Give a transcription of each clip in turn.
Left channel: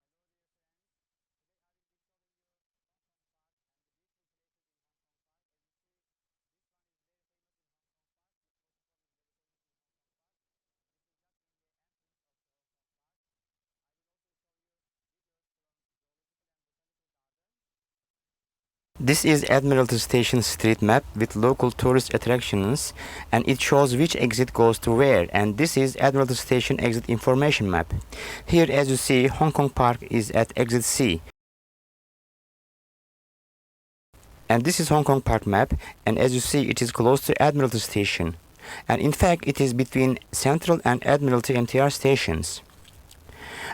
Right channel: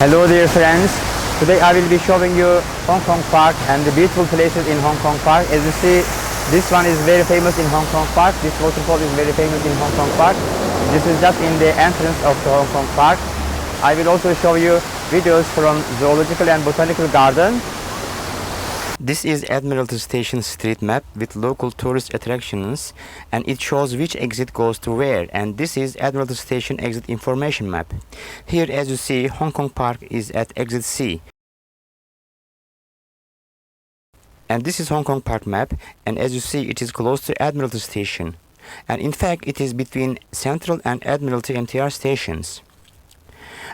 Hello dear friends, today I will be showing you Hong Kong Park and the beautiful places in Hong Kong Park. As you see, this one is very famous in Hong Kong Park. This waterfall is very famous in Hong Kong Park. This is just in the entrance of the Hong Kong Park. I will also show you videos from Zoological and Botanical Garden. This is Admiralty Station street map with local tourist attractions, and it shows which exit goes to where, and this is Admiralty Station exit information map. Here, as you see, Hong Kong Park is at exit C. And this is Hong Kong Park map, and as you see, it is close to Admiralty Station. And in fact, it is between Central and Admiralty MTR stations.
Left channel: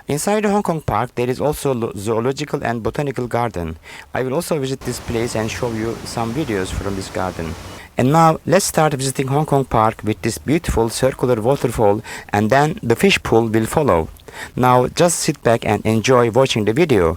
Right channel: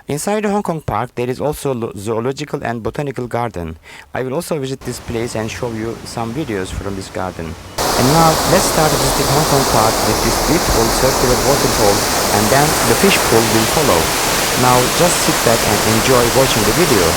Inside the Hong Kong Park, there is also Zoological and Botanical Garden. I will also visit this place and show you some videos from this garden. And now, let's start visiting Hong Kong Park with this beautiful circular waterfall, and then the fish pool will follow. Now, just sit back and enjoy watching the video.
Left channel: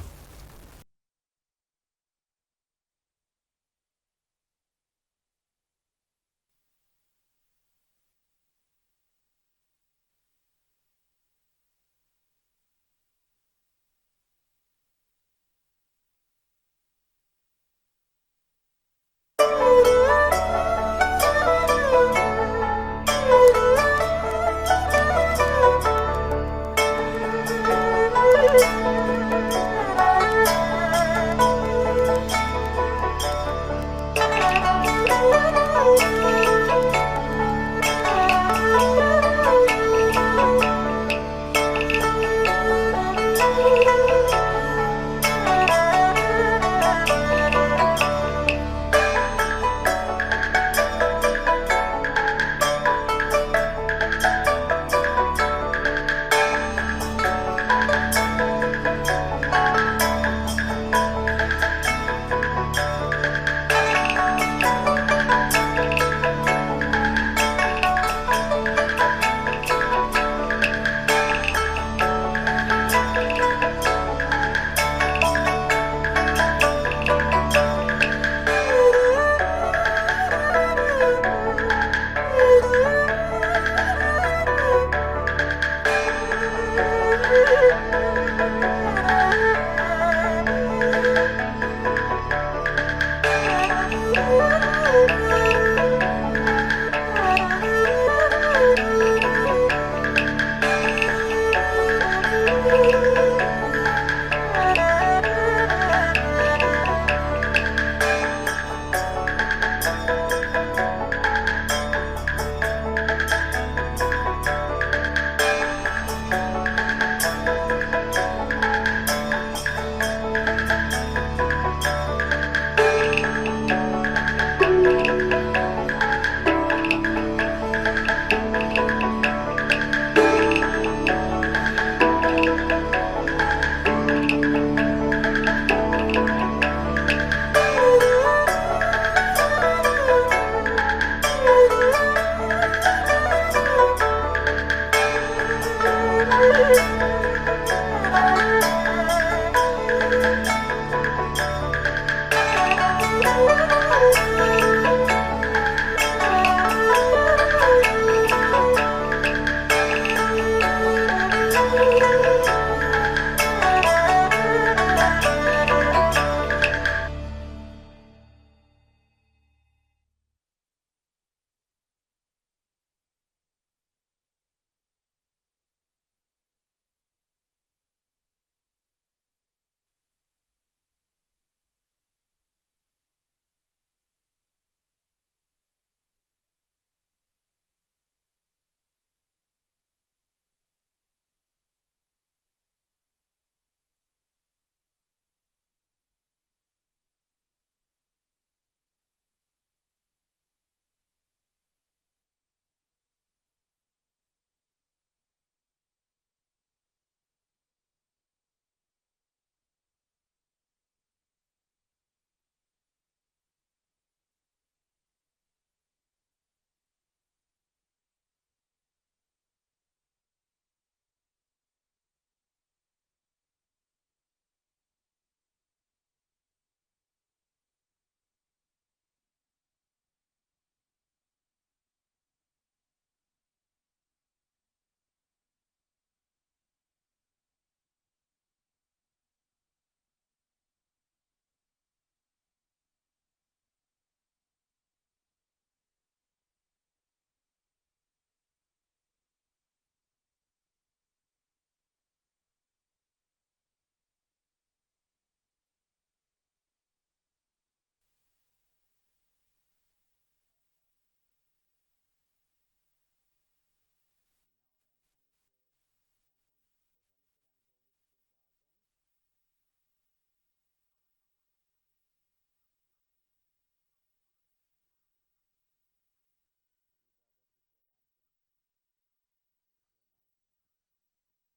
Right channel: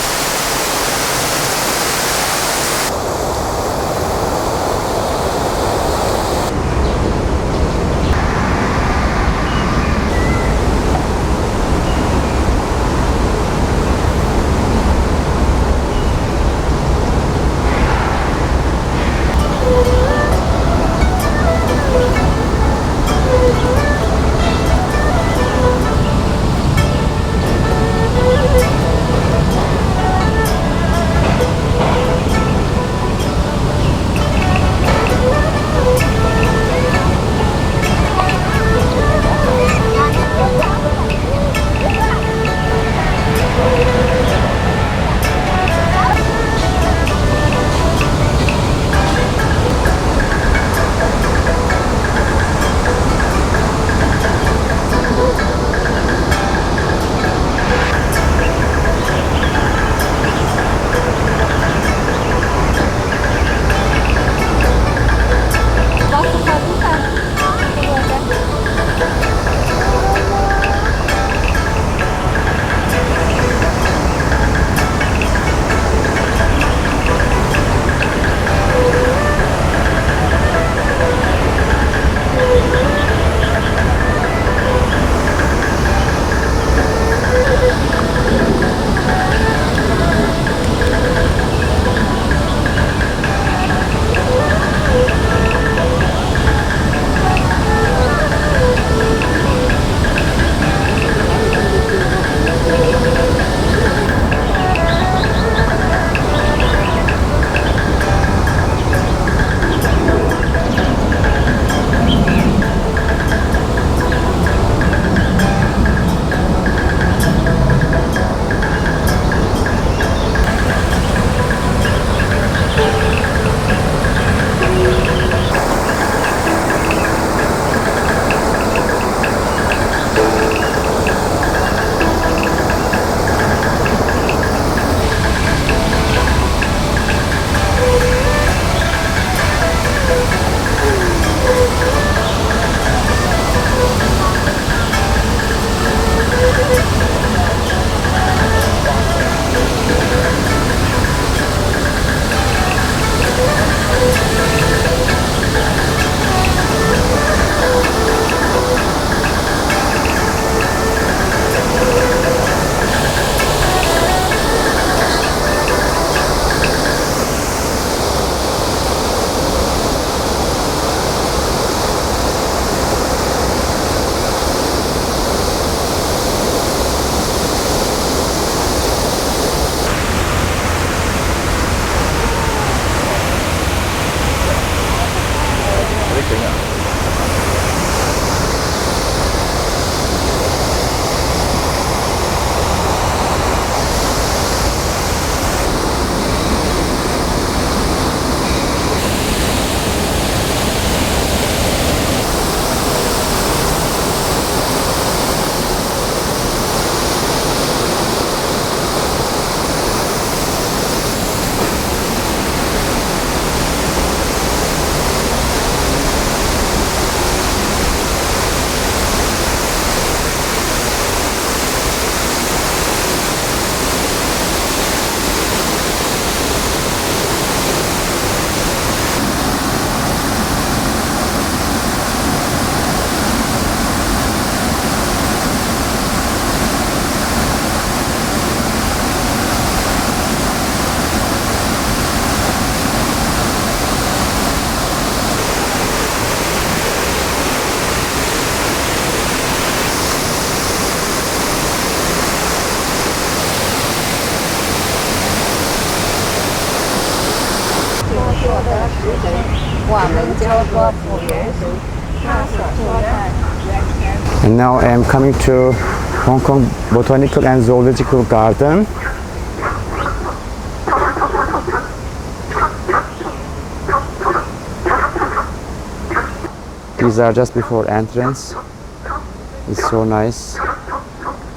And now I am coming to Hong Kong Botanical and Zoological Garden. These are just before entrance. It's so nice.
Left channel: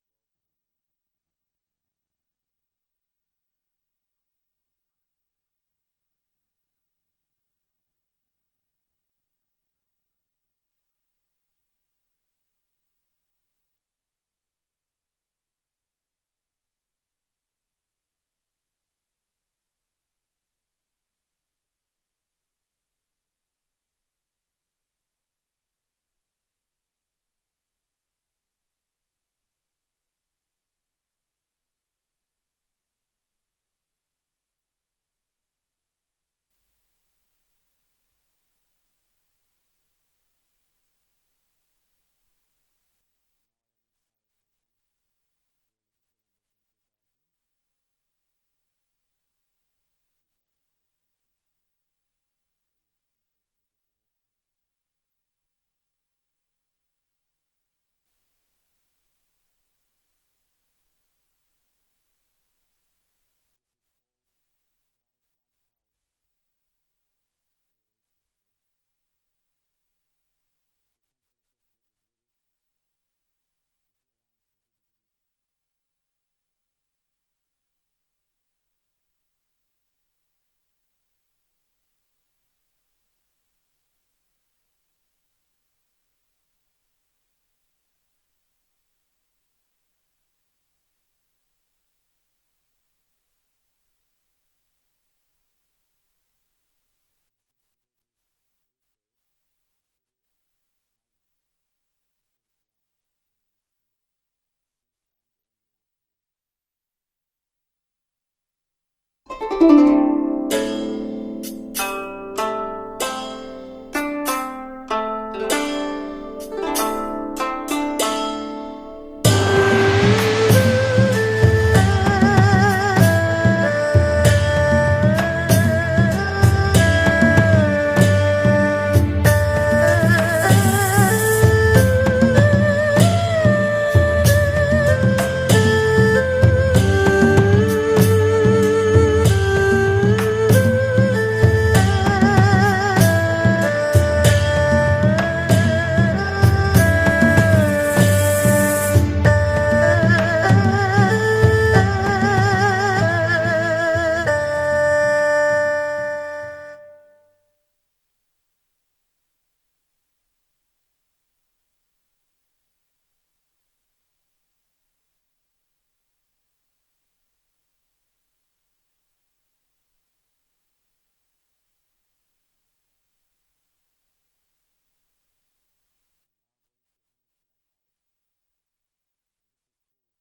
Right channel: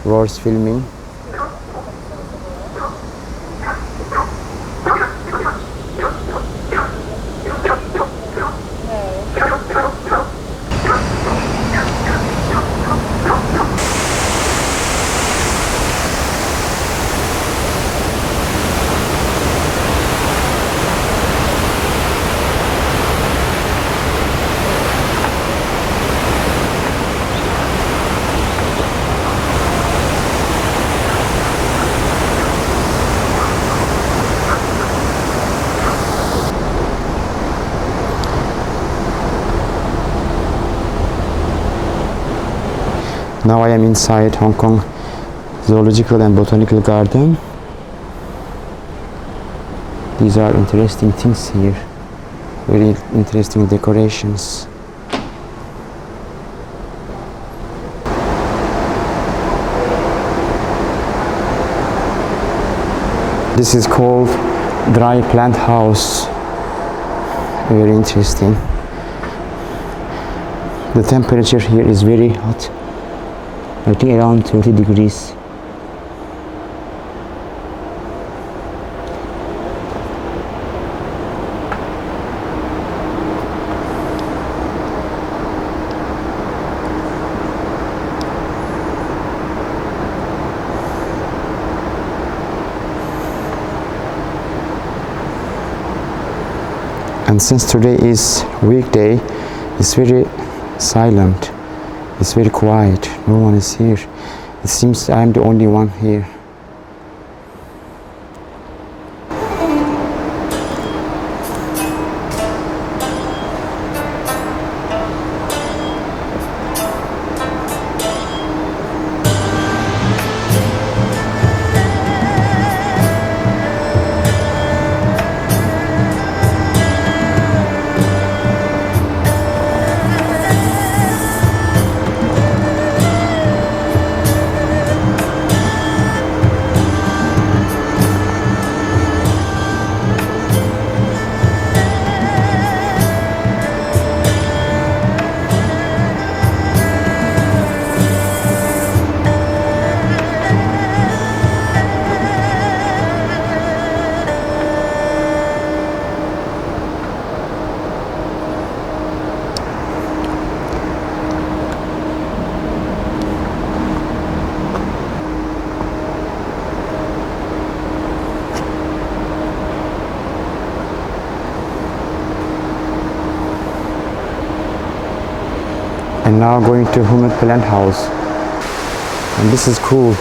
Worth filming. Now I am inside Hong Kong Zoological and Botanical Garden. These are interesting things here. Very interesting decorations. This is called dry plant house. Very interesting. The temperature here is very hot. I think around 30 degrees. And since today is weekday, it's very silent. It's very quiet. No one is here. It seems I'm the only one here. And now going to Human Plant House. And this is cool.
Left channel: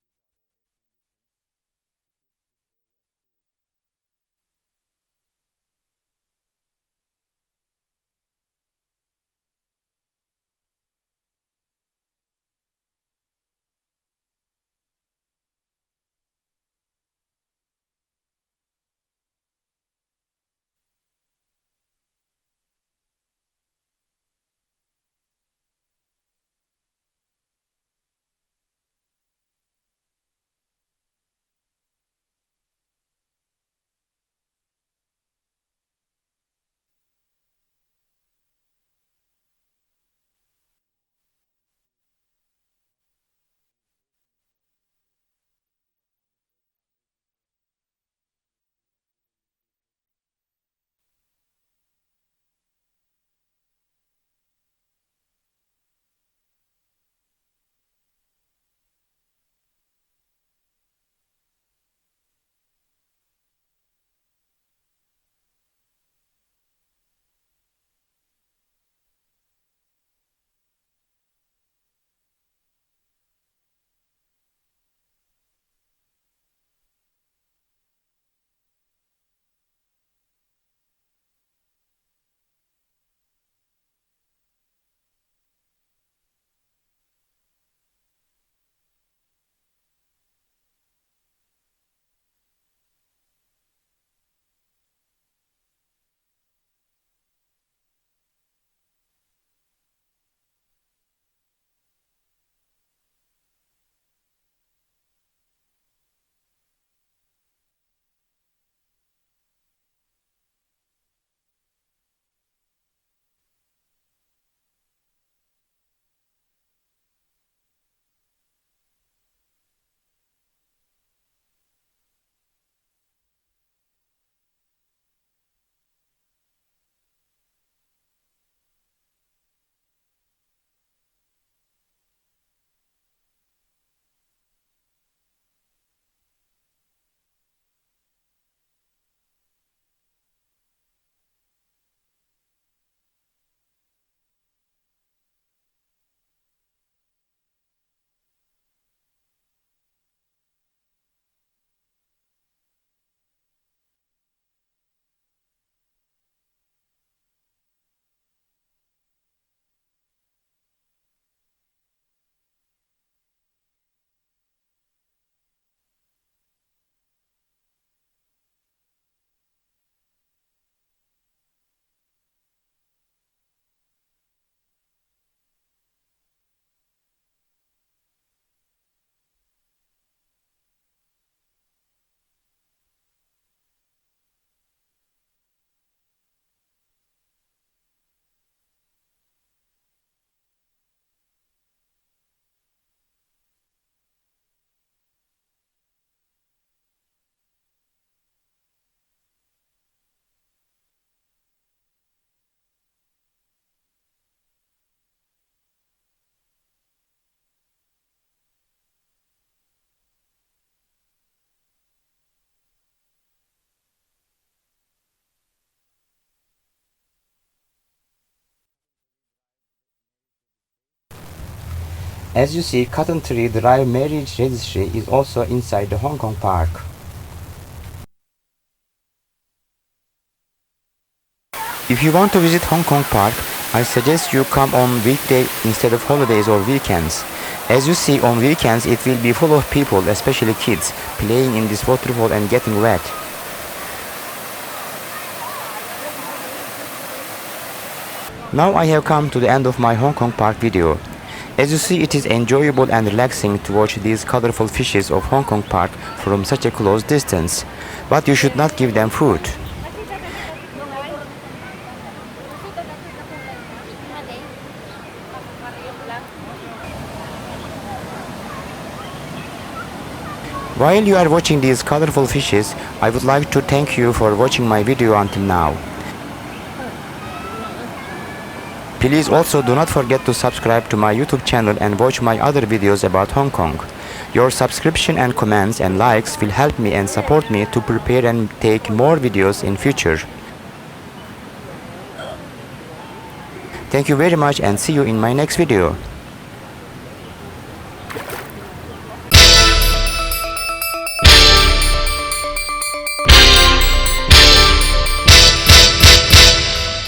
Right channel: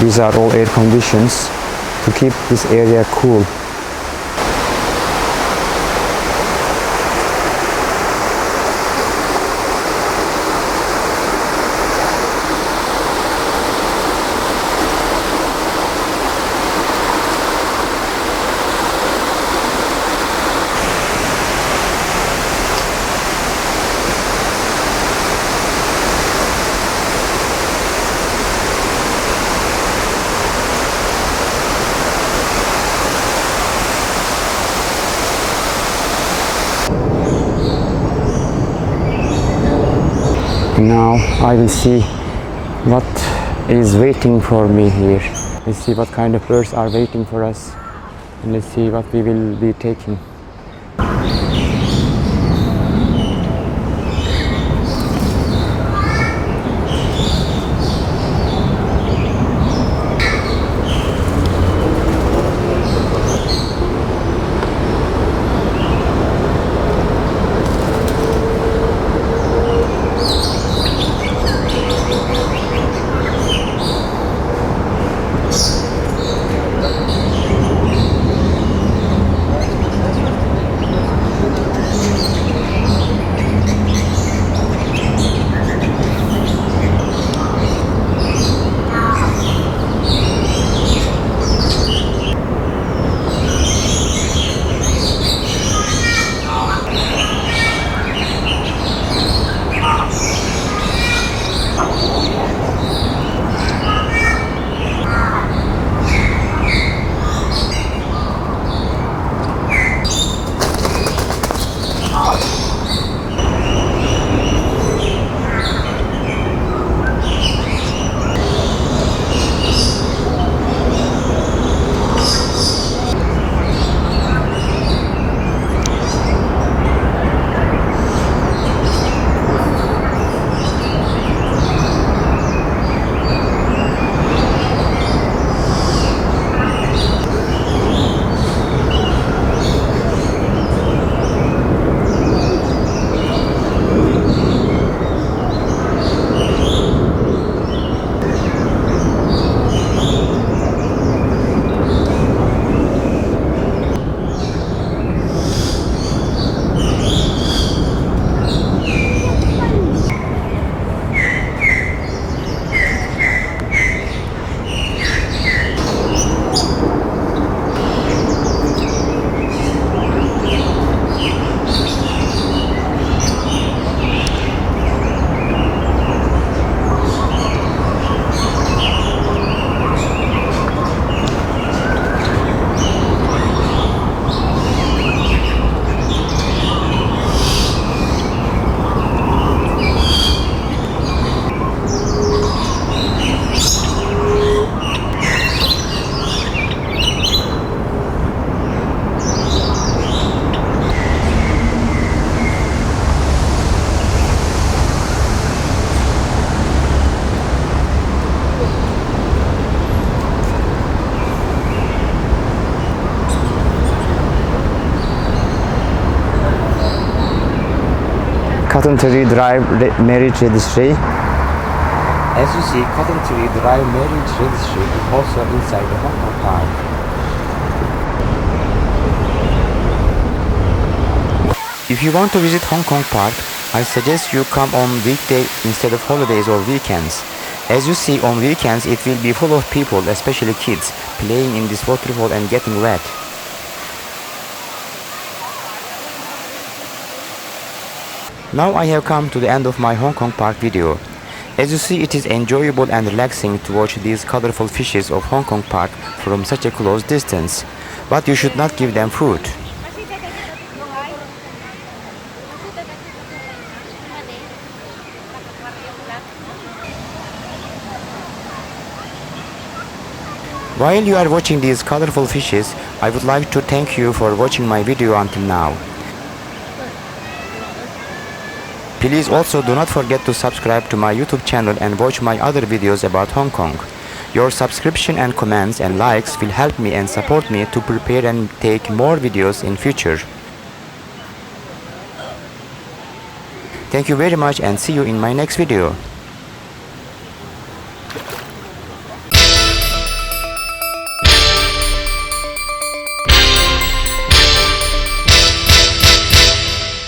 These are all air conditions to keep this area cool. Now I will see what is waiting for me here. Let's see what kind of birds are waiting for us, and let's see what we will be taking. Cotton Tree Drive Marriage Registry. As you see, Cotton Tree Drive Marriage Registry is also inside the Hong Kong Park. If you want to visit Hong Kong Park, I suggest you come on weekday instead of holidays or weekends. As you see, on weekends it will be full of people, especially kids, playing in this waterfall and getting wet. Now I have come to the end of my Hong Kong Park video. As you see, it is enjoyable and relaxing to watch these colorful fishes of Hong Kong Park from such a close distance. But you should not give them food. While you are watching these colorful fishes, I would like to thank you for watching my video until now. Please also do not forget to subscribe to my YouTube channel and watch my other videos about Hong Kong. Your subscription and comments and likes will help me and support me to prepare and take more videos in future. Thank you very much and see you in my next video.